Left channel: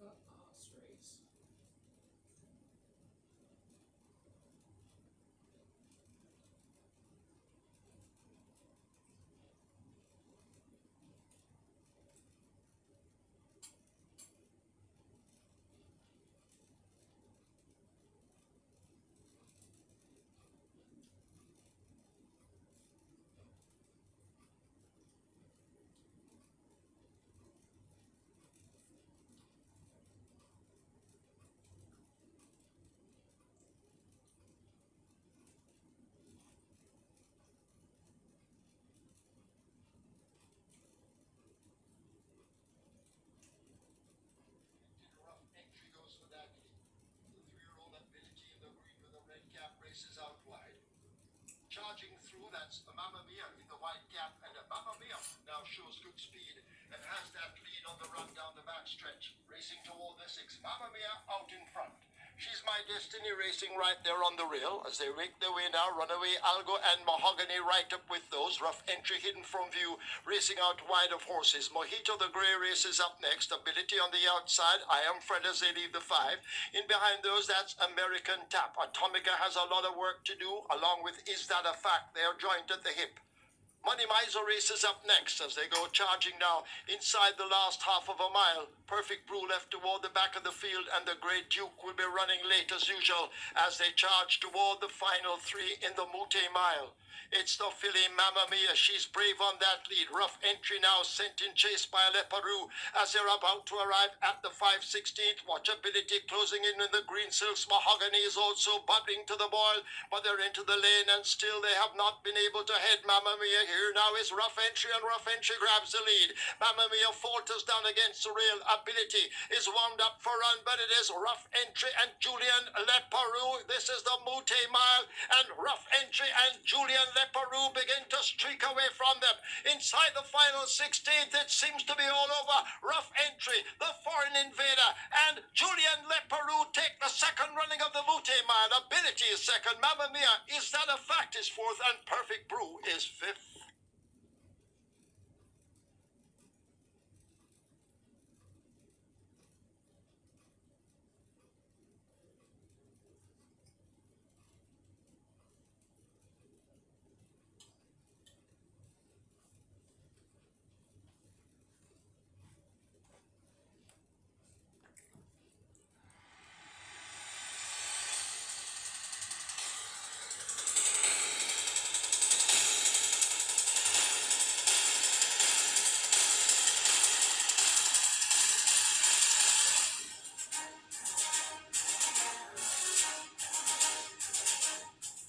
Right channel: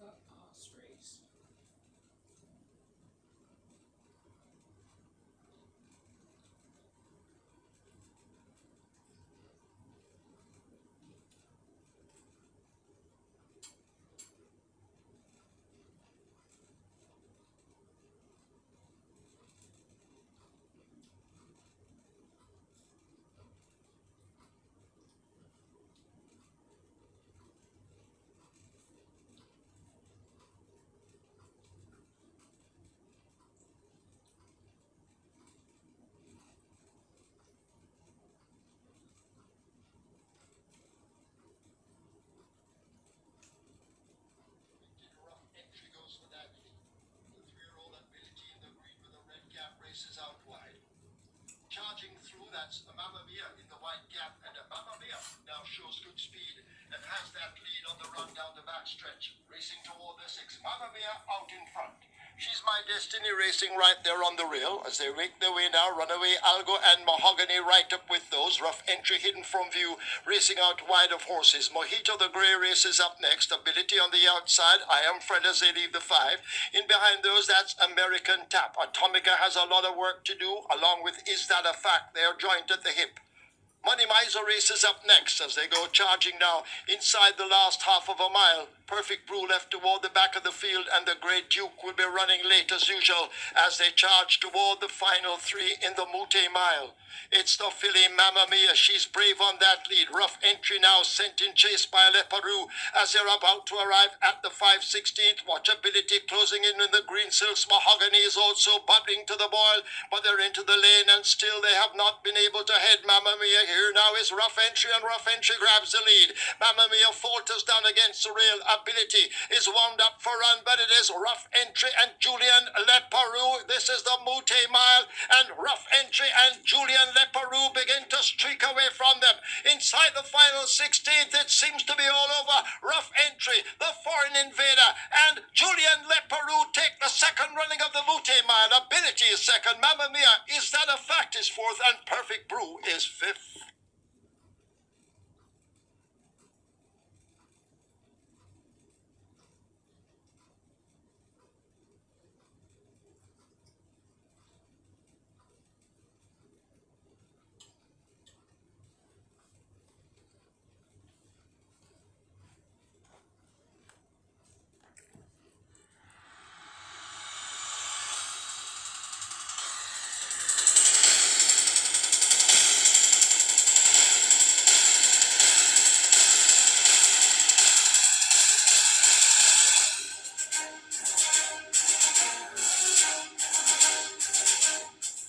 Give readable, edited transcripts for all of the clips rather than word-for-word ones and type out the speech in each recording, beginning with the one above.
race. Entry goes for that lead. The three-year-old ability in the green with the red cap races out wide. Charging through, that's Mamma Mia in the white cap, and Mamma Mia now shows good speed and has that lead on the run down the backstretch. Racing toward the six. Mamma Mia out in front. She's My Destiny racing right there on the rail as they make their way now. Runaway Algo and Mahogany right up with those. Rough Entry hidden from view, racing out wide of horses. Mojito the Grey races up next. Ability on the outside. I Am Fred as they leave the five. In behind those, that's American Tap. Atomica has a lot of work to do, along with Is That a Fact? They're joint at the hip. Money Miser races up next as they go charging now inside the last half of a mile. Perfect Brew left toward the back of the field, and the Great Duke will be running late as usual as they charge toward the final three in the Mute Mile. It's the filly Mamma Mia. She's brave on that lead. Rough Entry now sent in chase by Leparoux as they're about to arrive at the 5/16th. Watchability closing in the green silks. Mahogany is also bubbling to the boil, but they're into the lane and still they have not been able to head Mamma Mia. Here now is Rough Entry, and Rough Entry grabs the lead. Mamma Mia falters down against the rail. Ability is wound up for run, but it is Rough Entry and Julian Leparoux. This is the Mute Mile, and Rough Entry and Julian Leparoux begin to streak away from them. Inside the final 16th, it seems to be all over. Rough Entry, the foreign invader, and Julian Leparoux take the second running of the Mute Mile. Ability is second. Mamma Mia, Is That a Fact? Is fourth, and Perfect Brew is fifth.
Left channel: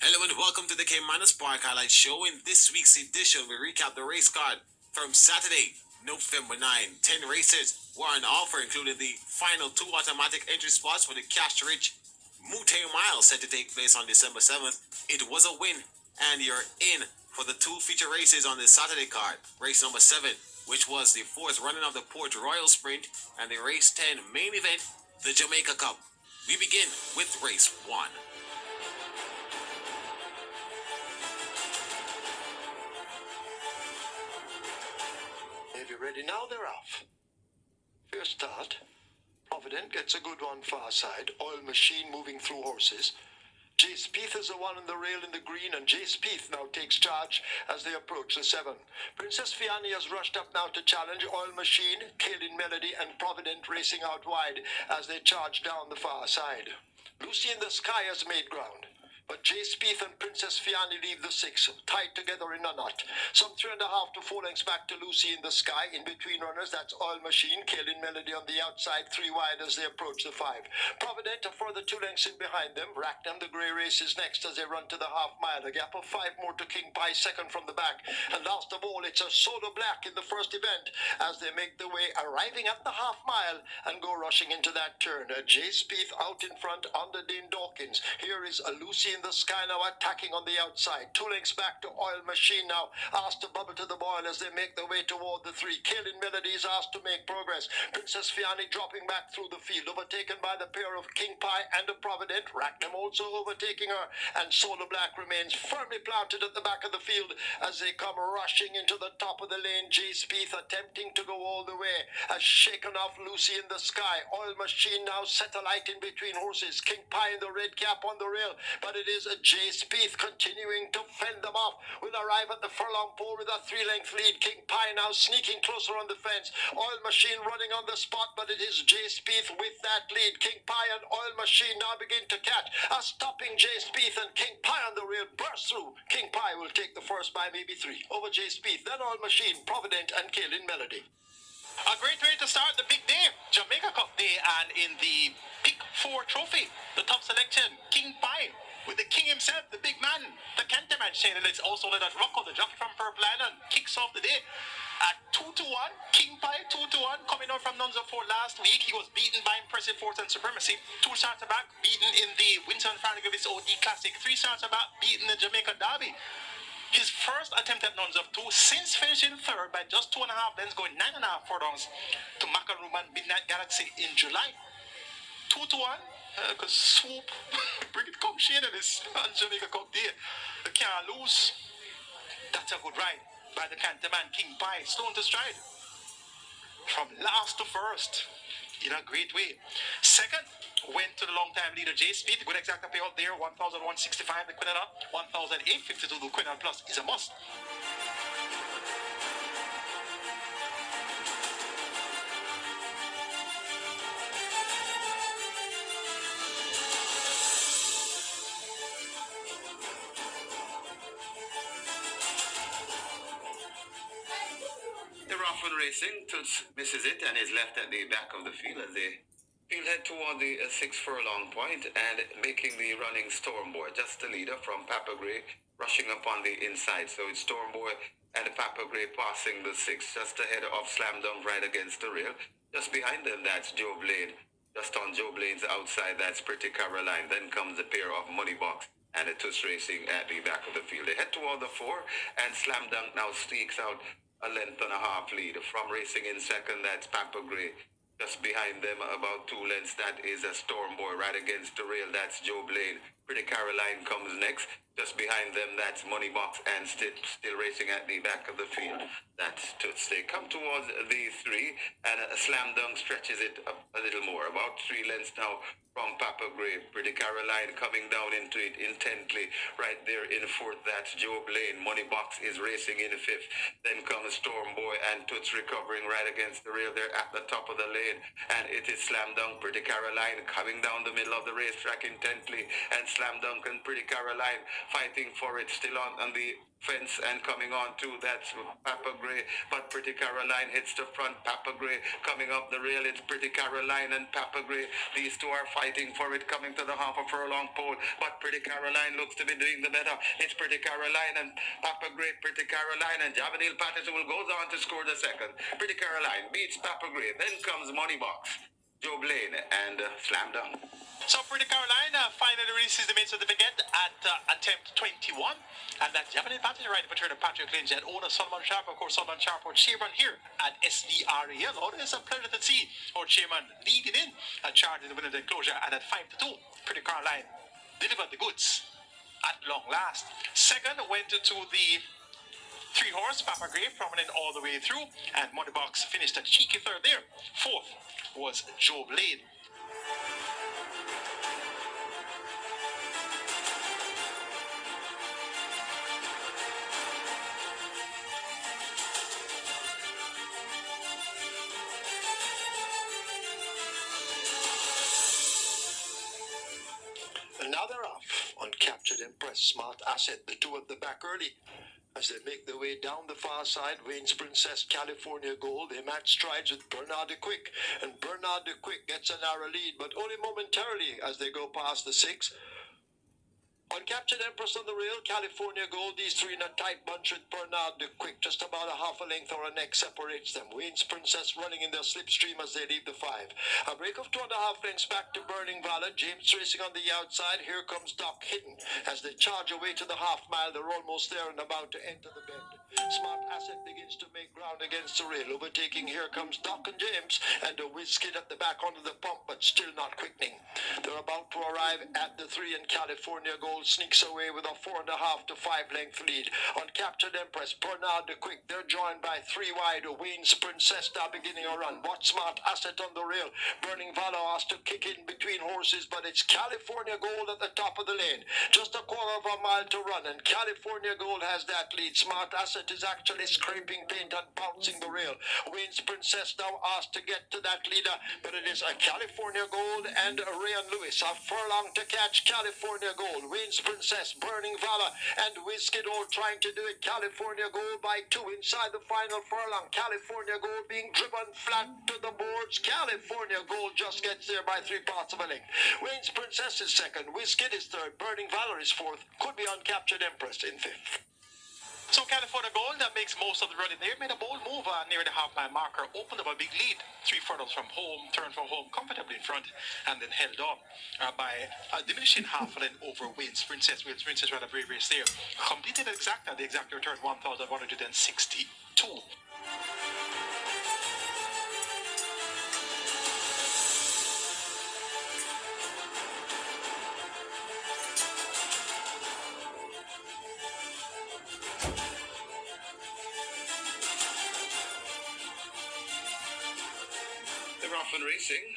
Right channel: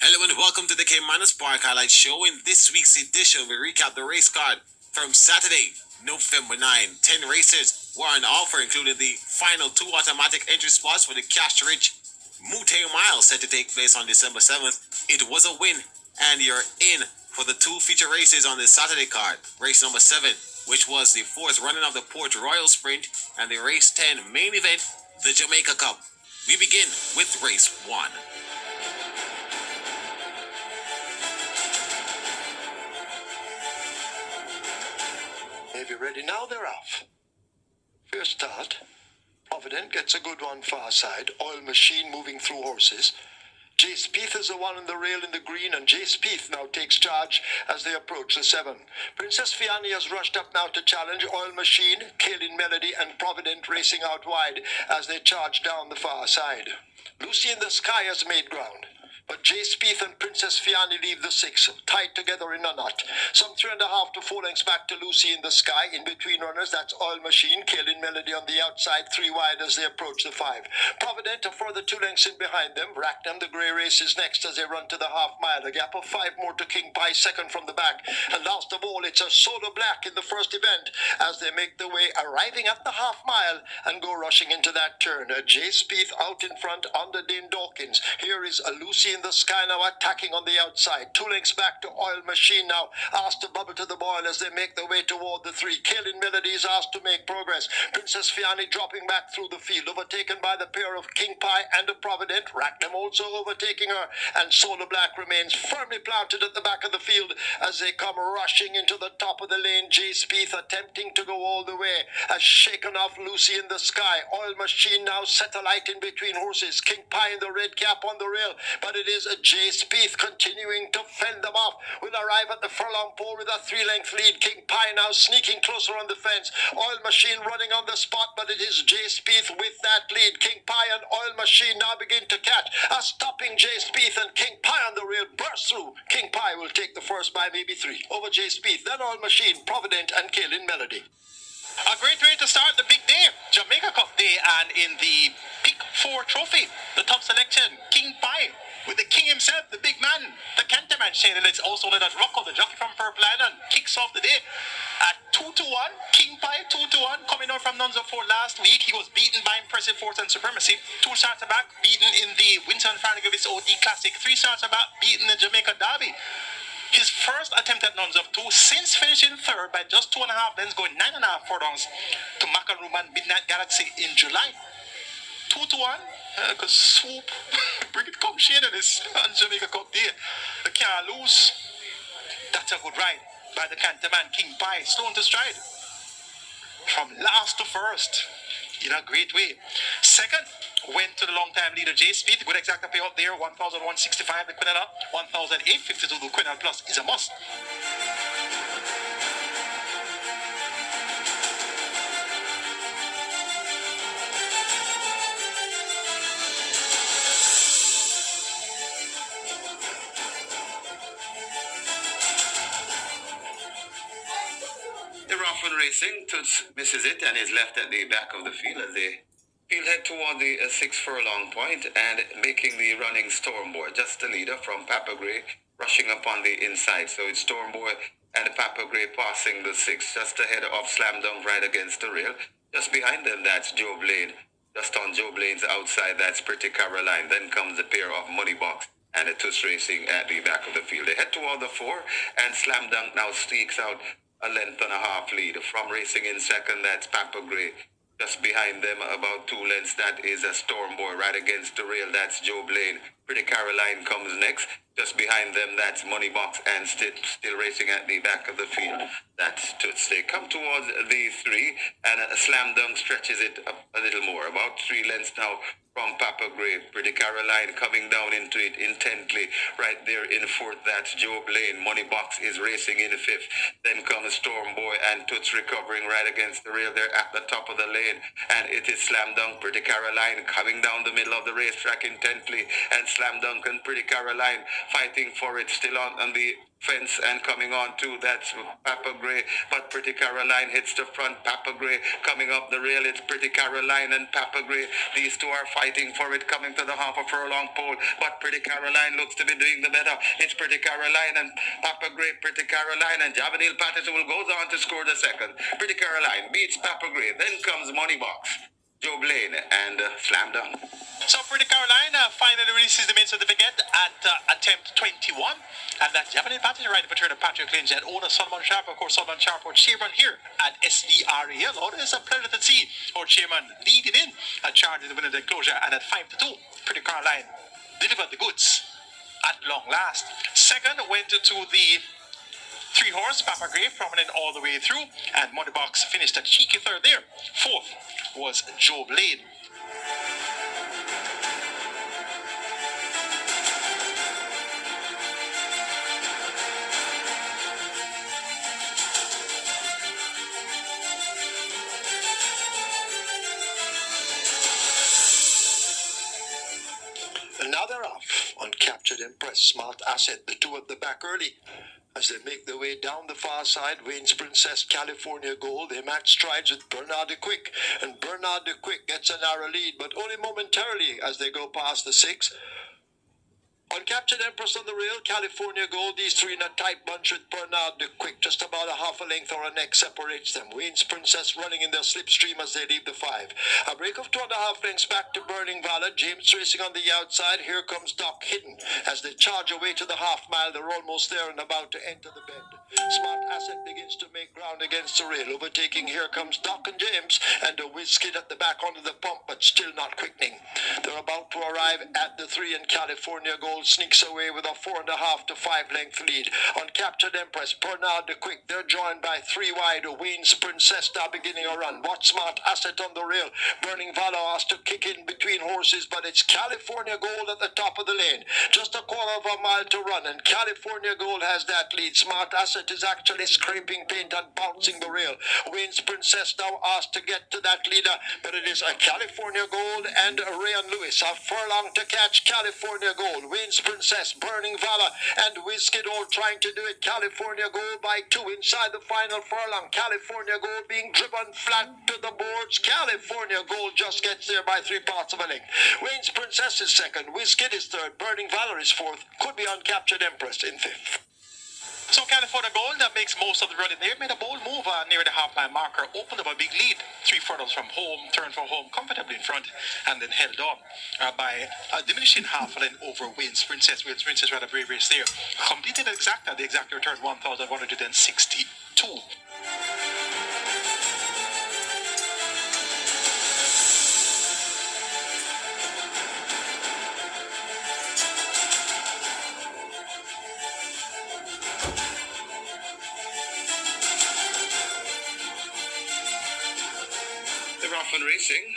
Hello and welcome to the Caymanas Park Highlight Show. In this week's edition, we recap the race card from Saturday, November 9. 10 races were on offer, including the final two automatic entry spots for the cash-rich Mute Mile set to take place on December 7th. It was a win, and you're in for the two feature races on the Saturday card. Race number 7, which was the fourth running of the Port Royal Sprint, and the race 10 main event, the Jamaica Cup. We begin with race 1. If you're ready now, they're off. First start. Provident gets a good one far side. Oil Machine moving through horses. Jay Spieth is the one in the rail in the green, and Jay Spieth now takes charge as they approach the 7. Princess Fiani has rushed up now to challenge. Oil Machine, Kaylin Melody, and Provident racing out wide as they charge down the far side. Lucy in the Sky has made ground, but Jay Spieth and Princess Fiani leave the 6, tied together in a knot. Some 3.5 to 4 lengths back to Lucy in the Sky. In between runners, that's Oil Machine, Kaylin Melody on the outside, 3 wide as they approach the 5. Provident a further 2 lengths in behind them. Racknam, the Grey race, is next as they run to the half mile. A gap of 5 more to King Pie, second from the back. And last of all, it's a Soda Black in the first event as they make their way, arriving at the half mile and go rushing into that turn. Jay Spieth out in front under Dane Dawkins. Here is a Lucy in in the sky now, attacking on the outside. 2 lengths back to Oil Machine now, asked to bubble to the boil as they make their way toward the 3. Kaylin Melody is asked to make progress. Princess Fiani dropping back through the field, overtaken by the pair of King Pie and a Provident. Racknam also overtaking her, and Solar Black remains firmly planted at the back of the field as they come rushing into the top of the lane. Jay Spieth attempting to go all the way, has shaken off Lucy in the sky. Oil Machine now set alight in between horses. King Pie in the red cap on the rail, but it is a Jay Spieth continuing to fend them off. Will arrive at the furlong pole with a 3-length lead. King Pie now sneaking closer on the fence. Oil Machine running on the spot, but it is Jay Spieth with that lead. King Pie and Oil Machine now begin to catch. A stopping Jay Spieth, and King Pie on the rail bursts through. King Pie will take the first by maybe 3 over Jay Spieth, then Oil Machine, Provident, and Kaylin Melody. A great way to start the big day, Jamaica Cup Day, and in the Pick 4 trophy, the top selection, King Pie, with the king himself, the big man, the Canterman, Shane Litz, also known as Rocco, the jockey from Purple Island, kicks off the day at 2-1. King Pie 2-1, coming out from Nunza 4 last week. He was beaten by Impressive Force and Supremacy. 2 starts back, beaten in the Winston Farragut OD Classic. 3 starts back, beaten the Jamaica Derby. His first attempt at Nuns of 2, since finishing third by just 2.5 lengths, going 9.5 furlongs to Macaroon and Midnight Galaxy in July. 2-1, because swoop, bring it, come Shane in this on Jamaica Cup Day. They can't lose. That's a good ride by the Canterman King Pie, stone to stride. From last to first, in a great way. Second, went to the long-time leader Jay Spieth. Good exact payout there, 1,165 the Quinella, 1,852 the Quinella Plus is a must. The Rockwood Racing, Toots misses it and is left at the back of the field as they field head toward the 6 furlong point and making the running Storm Boy. Just the leader from Papa Gray rushing up on the inside. So it's Storm Boy and Papa Gray passing the 6 just ahead of Slam Dunk right against the rail. Just behind them, that's Joe Blaine. Just on Joe Blaine's outside, that's Pretty Caroline. Then comes a pair of Money Box and a Toots Racing at the back of the field. They head toward the 4 and Slam Dunk now sneaks out a length and a half lead. From racing in second, that's Papa Gray. Just behind them, about 2 lengths, that is a Storm Boy. Right against the rail, that's Joe Blaine. Pretty Caroline comes next. Just behind them, that's Money Box and still racing at the back of the field. That's Toots. They come towards the 3 and a Slam Dunk stretches it up a little more. About 3 lengths now from Papa Gray. Pretty Caroline coming down into it intently. Right there in 4th, that's Joe Blaine. Money Box is racing in 5th. Then comes Storm Boy and Toots recovering right against the rail there at the top of the lane. And it is Slam Dunk, Pretty Caroline coming down the middle of the racetrack intently. And Slam Dunk and Pretty Caroline fighting for it, still on the fence and coming on too. That's Papa Gray, but Pretty Caroline hits the front. Papa Gray coming up the rail. It's Pretty Caroline and Papa Gray. These two are fighting for it, coming to the half a furlong pole, but Pretty Caroline looks to be doing the better. It's Pretty Caroline and Papa Gray. Pretty Caroline and Javanil Patterson will go on to score the second. Pretty Caroline beats Papa Gray. Then comes Money Box, Joe Blaine, and Slam Dunk. So Pretty Caroline finally releases the main certificate at attempt 21. And that's Japanese Patrick, right, return of Patrick Lynch and owner Solomon Sharp, of course, Solomon Sharp, our chairman here at SDRAL. It's a pleasure to see our chairman leading in a charge in the winner's enclosure. And at 5-2, Pretty Caroline delivered the goods at long last. Second went to the 3-horse, Papa Gray, prominent all the way through. And Money Box finished a cheeky third there. 4th was Joe Blaine. And now they're off on Captured Impress, Smart Asset, the 2 at the back early. As they make their way down the far side, Wayne's Princess, California Gold, they match strides with Bernard de Quick. And Bernard de Quick gets a narrow lead, but only momentarily as they go past the 6. On Captain Empress on the rail, California Gold, these three in a tight bunch with Bernard the Quick. Just about a half a length or a neck separates them. Wayne's Princess running in their slipstream as they leave the 5. A break of 2.5 lengths back to Burning Valor. James racing on the outside. Here comes Doc Hidden. As they charge away to the half mile, they're almost there and about to enter the bend. Smart Asset begins to make ground against the rail. Overtaking, here comes Doc and James, and a whiz skid at the back onto the pump, but still not quickening. They're about to arrive at the 3, and California Gold sneaks away with a 4.5 to 5 length lead. On Captured Empress, Bernard the Quick, they're joined by 3 wide. Wayne's Princess now beginning a run. Watch Smart Asset on the rail. Burning Valor has to kick in between horses, but it's California Gold at the top of the lane. Just a quarter of a mile to run, and California Gold has that lead. Smart Asset is actually scraping paint and bouncing the rail. Wayne's Princess now asked to get to that leader, but it is a California Gold and Rayan Lewis. A furlong to catch California Gold. Wayne's Princess, Burning Valor, and Whiskey all trying to do it. California Gold by 2 inside the final furlong. California Gold being driven flat to the boards. California Gold just gets there by 3 parts of a length. Wayne's Princess is second. Whiskey is third. Burning Valor is fourth. Could be Uncaptured Empress in fifth. So California Gold, that makes most of the running there, made a bold move near the half-mile marker, opened up a big lead, 3 furlongs from home, turned for home comfortably in front, and then held on by a diminishing half a length over Wayne's Princess. Wayne's Princess had a brave race there. Completed the exact return 1,162. They're off and racing.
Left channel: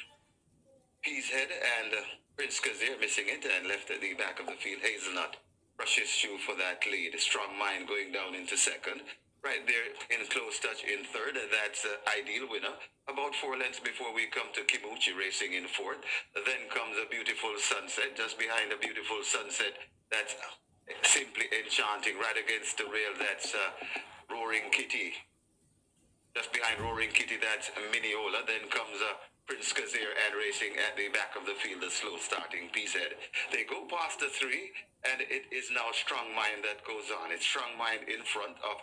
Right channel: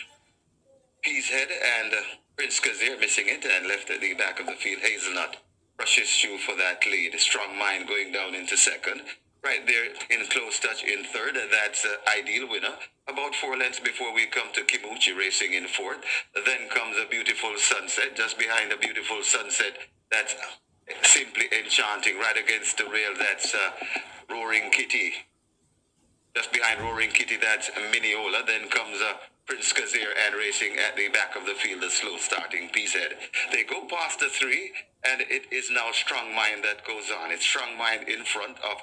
Peashead and Prince Kazir missing it and left at the back of the field. Hazelnut rushes through for that lead. Strong Mind going down into second. Right there in close touch in third. That's Ideal Winner. About 4 lengths before we come to Kimuchi racing in fourth. Then comes a Beautiful Sunset. Just behind a Beautiful Sunset, that's Simply Enchanting. Right against the rail, that's Roaring Kitty. Just behind Roaring Kitty, that's Mineola. Then comes Prince Kazir and racing at the back of the field, the slow starting Peashead. They go past the 3, and it is now Strong Mind that goes on. It's Strong Mind in front of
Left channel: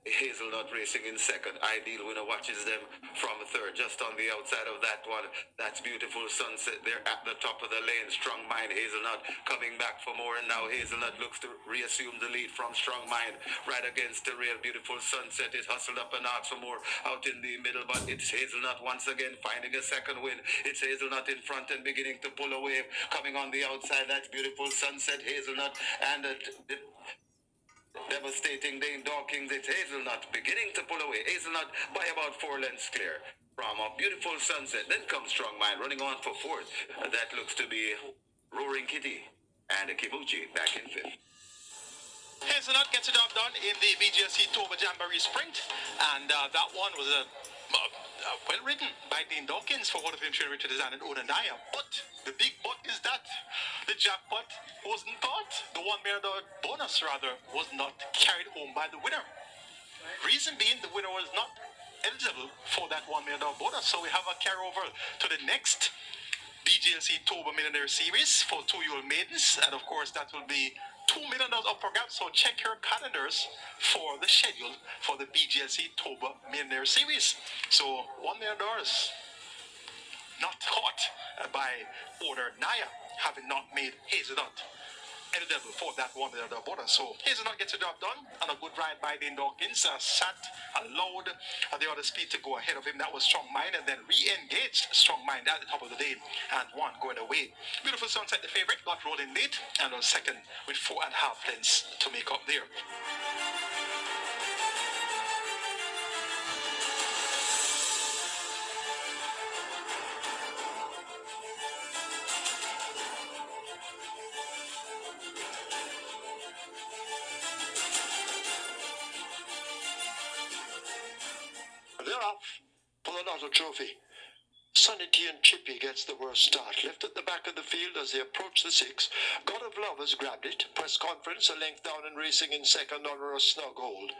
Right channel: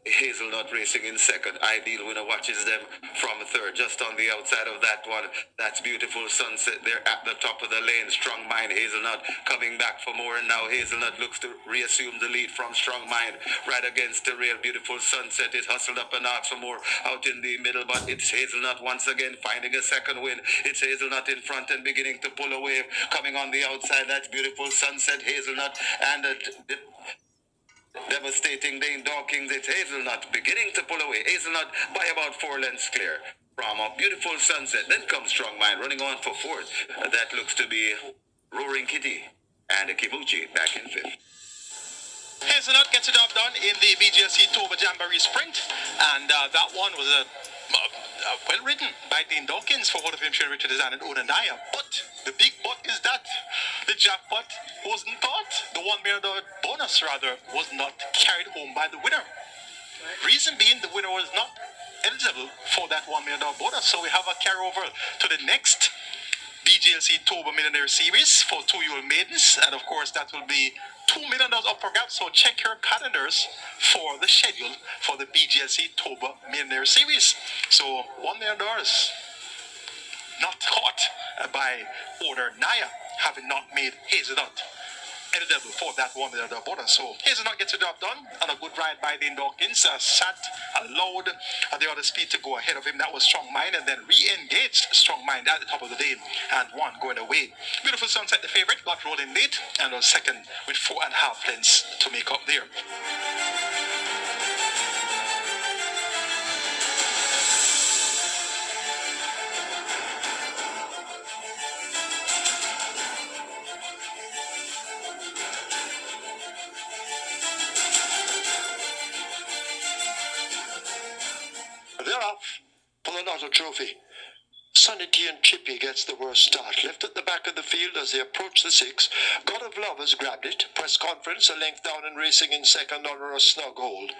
Hazelnut racing in second. Ideal Winner watches them from third. Just on the outside of that one, that's Beautiful Sunset there at the top of the lane. Strong Mind, Hazelnut coming back for more, and now Hazelnut looks to reassume the lead from Strong Mind right against the rail. Beautiful Sunset is hustled up and out for more out in the middle, but it's Hazelnut once again finding a second win. It's Hazelnut in front and beginning to pull away. Coming on the outside, that's Beautiful Sunset, Hazelnut, and devastating Dane Dawkins. It's Hazelnut beginning to pull away. Hazelnut by about 4 lengths clear from a Beautiful Sunset. Then comes Strong Mind running on for fourth. That looks to be Roaring Kitty, and Kibuchi back in fifth. Hazelnut gets the job done in the BGSC Toba Jamboree Sprint, and that one was well written by Dean Dawkins for Hall of Fame Richard Design and Onanaya. But the big but is that the jackpot wasn't caught. The $1 million bonus, rather, was not carried home by the winner. Reason being, the winner was not eligible for that $1 million bonus. So we have a carryover to the next BGLC Toba Millionaire Series for 2-year-old maidens, and of course that will be $2 million up for grabs. So check your calendars for the schedule for the BGLC Toba Millionaire Series. So $1 million not caught by Order Naya, having not made Hazelnut eligible for that $1 million bonus. So Hazelnut gets the job done, and a good ride by Dean Dawkins. Allowed the other speed to go ahead of him. That was Strong Mind, and then re-engaged Strong Mind at the top of the lane, and one going away. Beautiful Sunset, the favorite, got rolling late and was second with 4.5 lengths to make up there. They're off for the Lotto Trophy. Sonny T and Chippy gets the worst start. Left at the back of the field as they approach the 6. God of Love has grabbed it. Press conference, a length down and racing in second under a snug hold.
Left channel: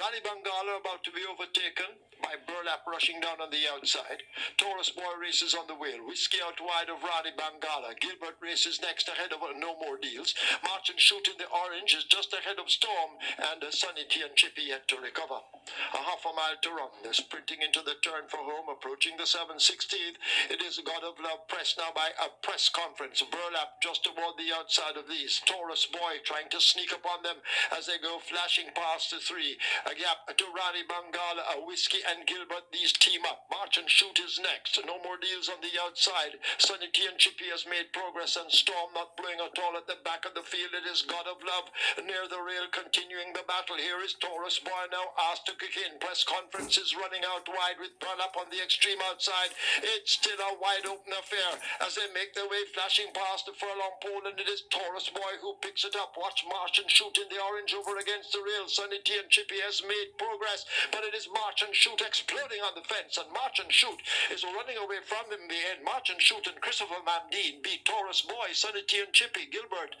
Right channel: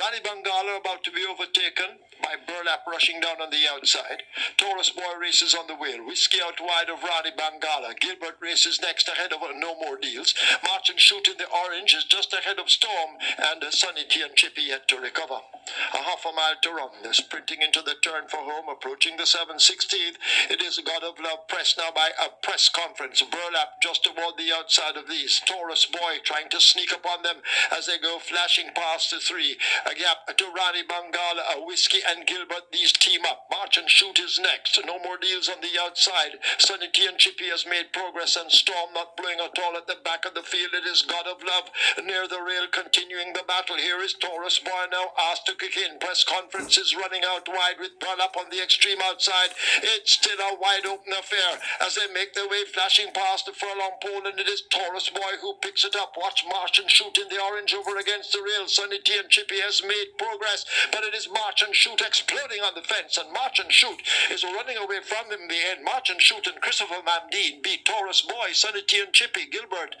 Rani Bangala about to be overtaken by Burlap rushing down on the outside. Taurus Boy races on the wheel. Whiskey out wide of Rani Bangala. Gilbert races next ahead of No More Deals. March and Shoot in the orange is just ahead of Storm, and Sonny T and Chippy yet to recover. A half a mile to run. They're sprinting into the turn for home, approaching the 7/16th. It is God of Love pressed now by a press conference. Burlap just toward the outside of these. Taurus Boy trying to sneak upon them as they go flashing past the 3. A gap to Rani Bangala, a Whiskey and Gilbert. These team up. March and Shoot is next. No More Deals on the outside. Sonny T and Chippy has made progress, and Storm not blowing at all at the back of the field. It is God of Love near the rail, continuing the battle. Here is Taurus Boy now asked to kick in. Press conference is running out wide with Burlap on the extreme outside. It's still a wide open affair as they make their way flashing past the furlong pole, and it is Taurus Boy who picks it up. Watch March and Shoot in the orange over against the rail. Sonny T and Chippy has made progress, but it is March and Shoot exploding on the fence, and March and Shoot is running away from him in the end. March and Shoot and Christopher Mamdeen beat Taurus Boy, Sonny T and Chippy. Gilbert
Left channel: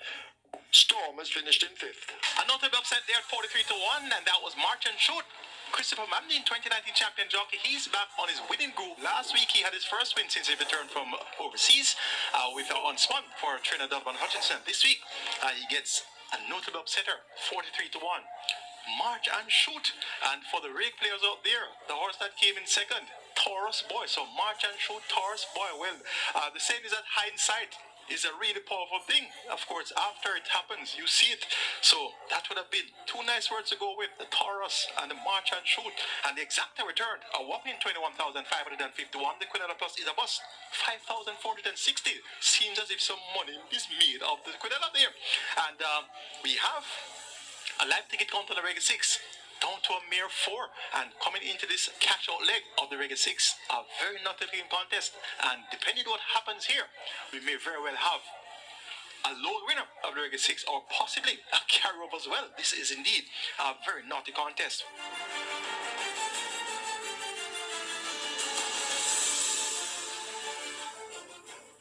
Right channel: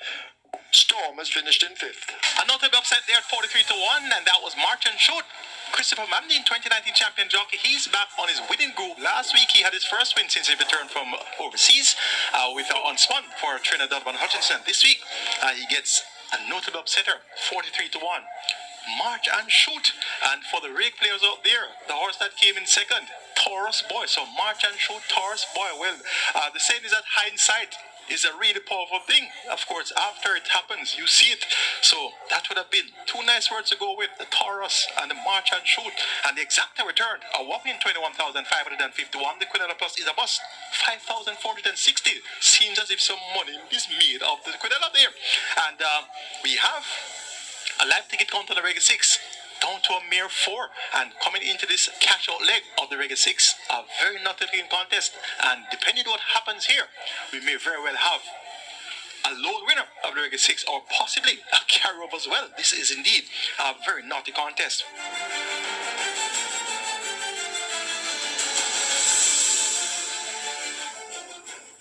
Storm has finished in 5th. A notable upset there at 43-1, and that was March and Shoot. Christopher Mamdeen, 2019 champion jockey, he's back on his winning groove. Last week he had his first win since he returned from overseas with Unspun for Trinidad Van Hutchinson. This week he gets a notable upsetter, 43-1. March and Shoot. And for the rake players out there, the horse that came in second, Taurus Boy. So March and Shoot, Taurus Boy. Well, the saying is that hindsight is a really powerful thing. Of course, after it happens, you see it. So that would have been two nice words to go with, the Taurus and the March and Shoot. And the exact return, a whopping 21,551. The Quinella Plus is a bust, 5,460. Seems as if some money is made of the Quinella there. And we have a live ticket count on the Regular 6 down to a mere 4, and coming into this cash out leg of the Regular 6, a very nothing contest, and depending on what happens here, we may very well have a lone winner of the Regular 6 or possibly a carry-over as well. This is indeed a very naughty contest.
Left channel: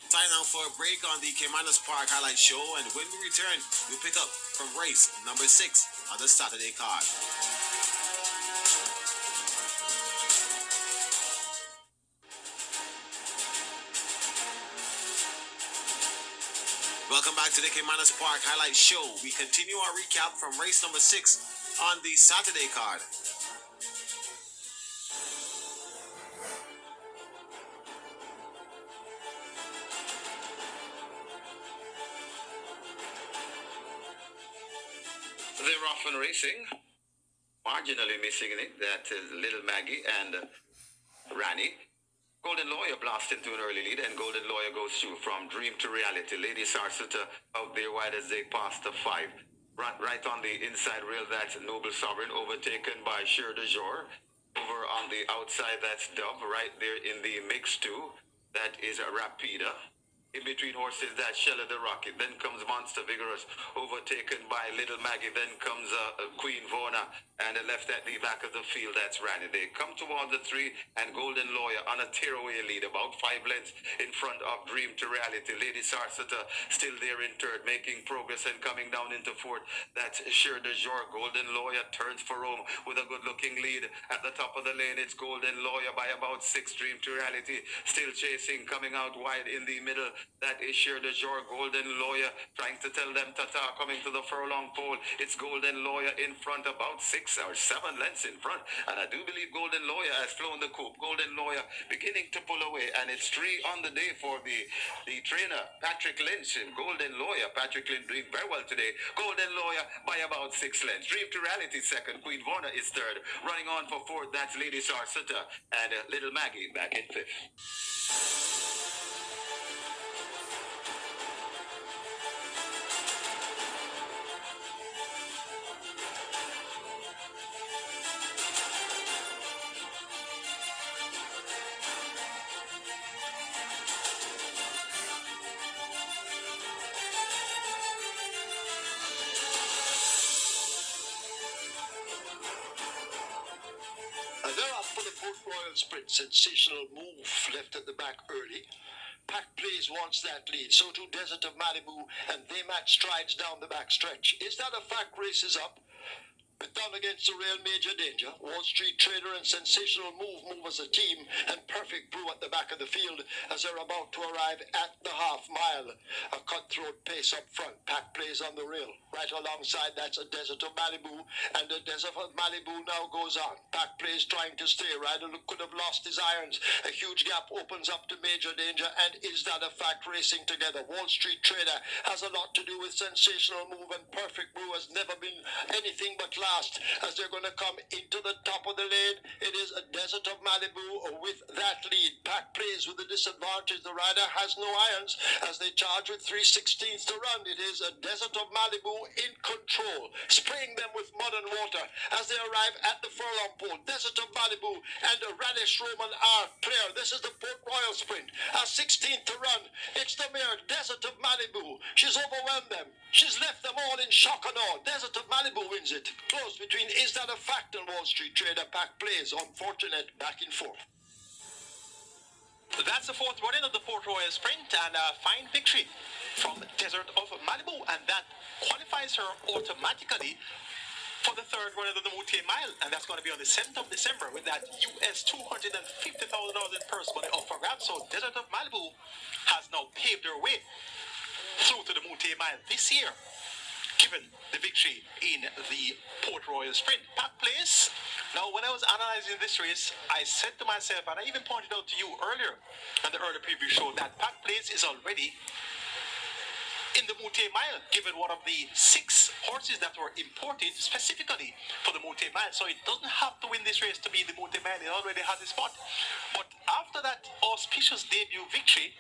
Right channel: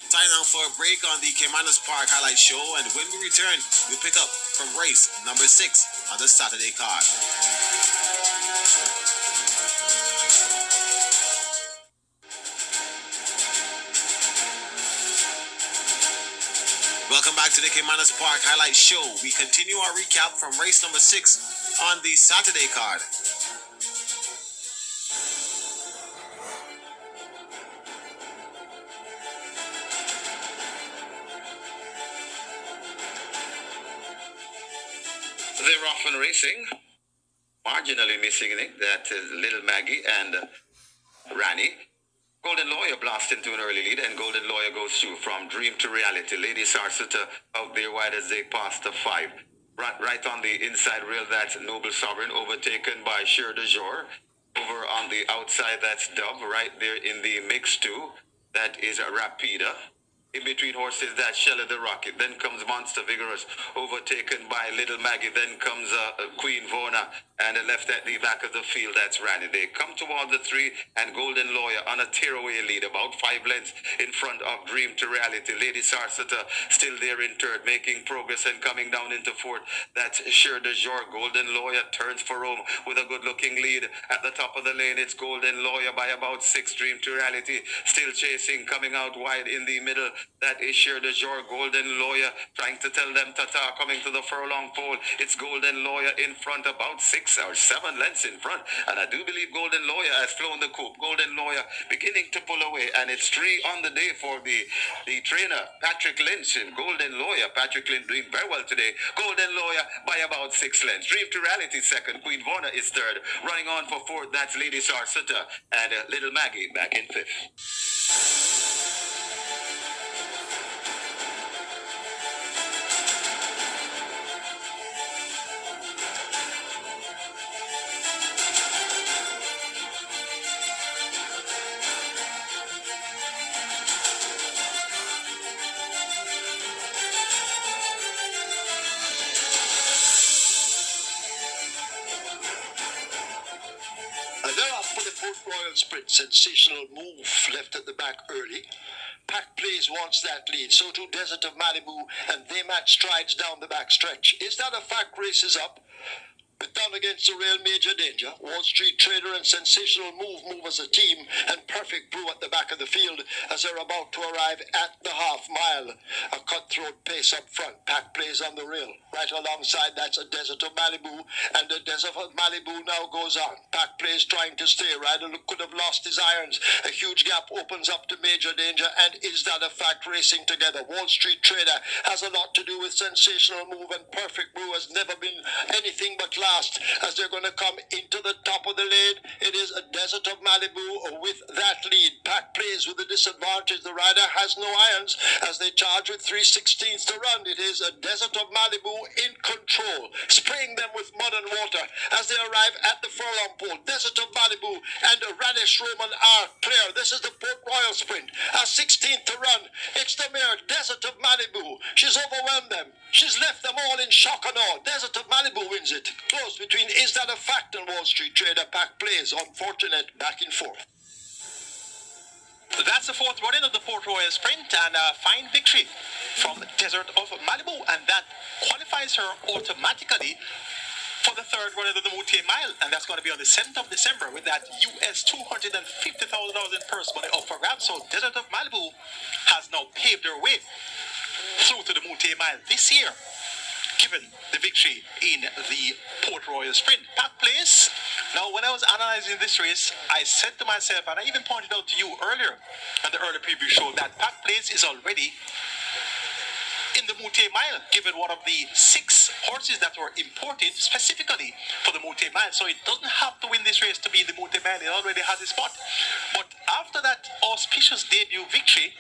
Time now for a break on the Caymanas Park Highlight Show, and when we return, we'll pick up from race number 6 on the Saturday card. Welcome back to the Caymanas Park Highlight Show. We continue our recap from race number 6 on the Saturday card. They're off and racing. Marginally missing it. That is Little Maggie and Rani. Golden Lawyer blasts into an early lead, and Golden Lawyer goes through from dream to reality. Lady Sarsita out there wide as they pass the 5. Right on the inside rail, that's Noble Sovereign, overtaken by Sure de Jour. Over on the outside, that's Dove. Right there in the mix too, that is Rapida. In between horses, that's Shella the Rocket. Then comes Monster Vigorous, overtaken by Little Maggie. Then comes Queen Vona, and left at the back of the field, that's Randy. They come toward the 3, and Golden Lawyer on a tearaway lead, about 5 lengths in front of Dream to Reality. Lady Sarsita still there in third, making progress and coming down into 4th. That's Sure de Jour. Golden Lawyer turns for home with a good-looking lead. At the top of the lane, it's Golden Lawyer by about 6. Dream to Reality still chasing, coming out wide in the middle. That is Sure de Jour. Golden Lawyer trying to tell them ta-ta, coming to the furlong pole. It's Golden Lawyer in front, about 6 or 7 lengths in front. And I do believe Golden Lawyer has flown the coop. Golden Lawyer beginning to pull away. And it's 3 on the day for the trainer, Patrick Lynch. And Golden Lawyer, Patrick Lynch doing very well today. Golden Lawyer by about 6 lengths. Dream to Reality second. Queen Vona is third. Running on for 4th, that's Lady Sarsita. And Little Maggie back in 5th. They're off for the Port Royal Sprint. Sensational move Oof, left at the back early. Pack Plays wants that lead, so too Desert of Malibu, and they match strides down the back stretch. Is that a fact? Races up. But down against the real Major Danger, Wall Street Trader and Sensational move as a team, and Perfect Brew at the back of the field as they're about to arrive at the half mile. A cutthroat pace up front. Pack Plays on the rail. Right alongside that's a Desert of Malibu, and the Desert of Malibu now goes on. Pack Plays trying to stay. Ryder could have lost his irons. A huge gap opens up to Major Danger, and Is That a Fact racing together. Wall Street Trader has a lot to do with Sensational Move, and Perfect Brew has never been anything but last as they're going to come into the top of the lane. It is a Desert of Malibu with that lead. Pack Plays with the disadvantage. The rider has no irons as they charge with 3/16 to run. It is a Desert of Malibu in control, spraying them with mud and water as they arrive at the furlong pole. Desert of Malibu and Radish Roman are clear. This is the Port Royal sprint. 16th to run. It's the mare Desert of Malibu. She's overwhelmed them. She's left them all in shock and awe. Desert of Malibu wins it. Close between Is That a Fact and Wall Street Trader. Pack Plays. Unfortunate back and forth. That's the fourth running of the Port Royal Sprint, and a fine victory from Desert of Malibu, and that qualifies her automatically for the third run of the Moutier Mile, and that's going to be on the 7th of December with that US $250,000 in purse money up for grabs. So Desert of Malibu has now paved her way through to the Moutier Mile this year, given the victory in the Port Royal Sprint. Pack Place. Now, when I was analyzing this race, I said to myself, and I even pointed out to you earlier on the early preview show, that Pack Place is already in the Moutier Mile, given one of the 6 horses that were imported specifically for the Moutier Mile. So it doesn't have to win this race to be in the Moutier Mile. It already has a spot. But after that auspicious debut victory,